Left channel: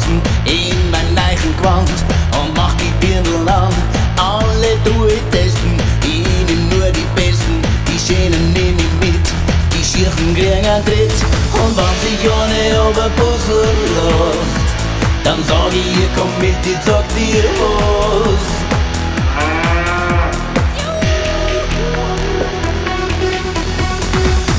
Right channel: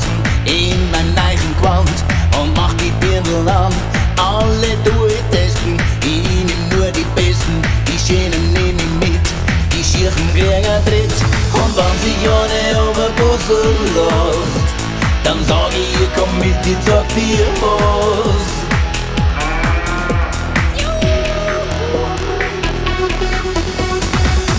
tanzen in meinem neuen Gewand und mach die Birndl an. Alle durchtesten, ich nehm nur die Besten, die Schönen nehm ich mit, die Schirchen kriegen einen Tritt. Und wenn sich eine über Bussel lässt, dann sag ich, ihr komm mit, ich sag dir was.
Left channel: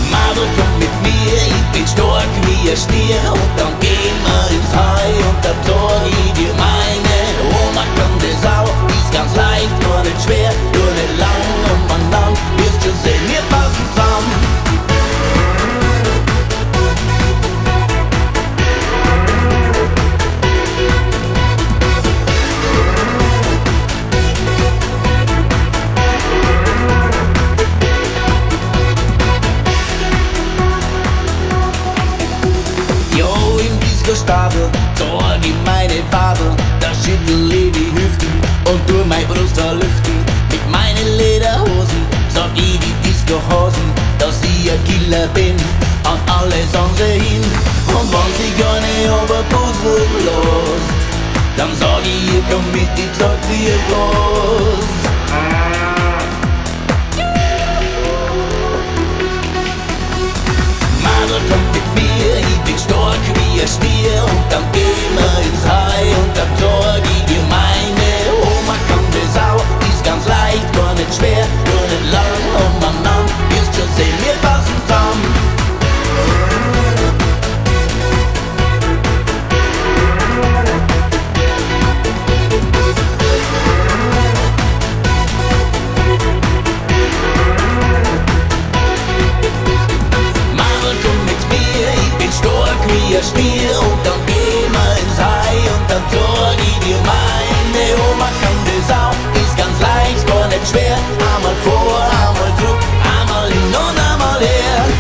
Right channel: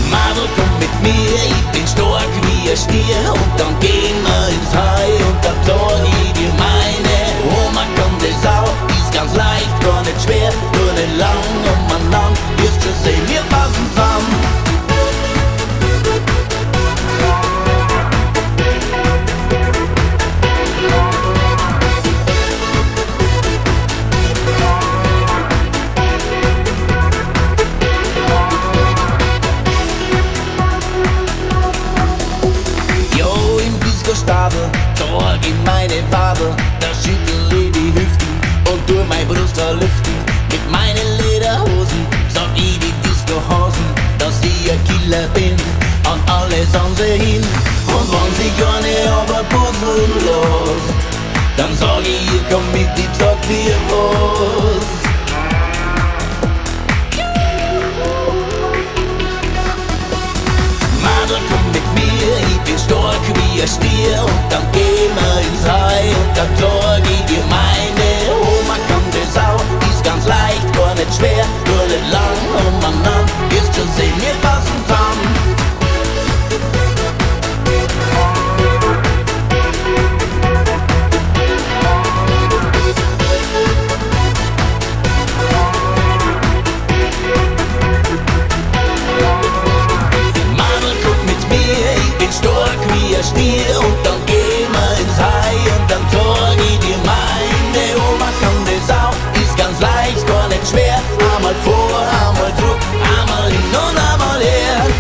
Madel, komm mit mir, ich bin stark wie ein Stier. Und dann gehen wir ins Heu und da sag ich dir meine Oma kann das auch, ist ganz leicht, gar nicht schwer, nur nicht lang umeinander, wirst schon sehen, wir passen zusammen. Stadel, zeig ich meine Wadel, da schüttel ich die Hüften und tu meine Brust verlüften. Mit meinen Lederhosen sag ich die Disco-Hosen, dass ich ein Killer bin, an alle sagen sie hin. Und wenn sich eine aber puzzeln lässt, dann sag ich, ihr komm mit, ich sag dir was. Madel, komm mit mir, ich bin stark wie ein Stier. Und dann gehen wir ins Heu und dann sag ich dir meine Oma kann das auch, ist ganz leicht, gar nicht schwer, nur nicht lang umeinander, wirst schon sehen, wir passen zusammen. Stark wie ein Stier und dann gehen wir ins Heu und dann sag ich dir meine Oma kann das auch, ist ganz leicht, gar nicht schwer, einmal vor, einmal zurück, einmal hin und einmal her.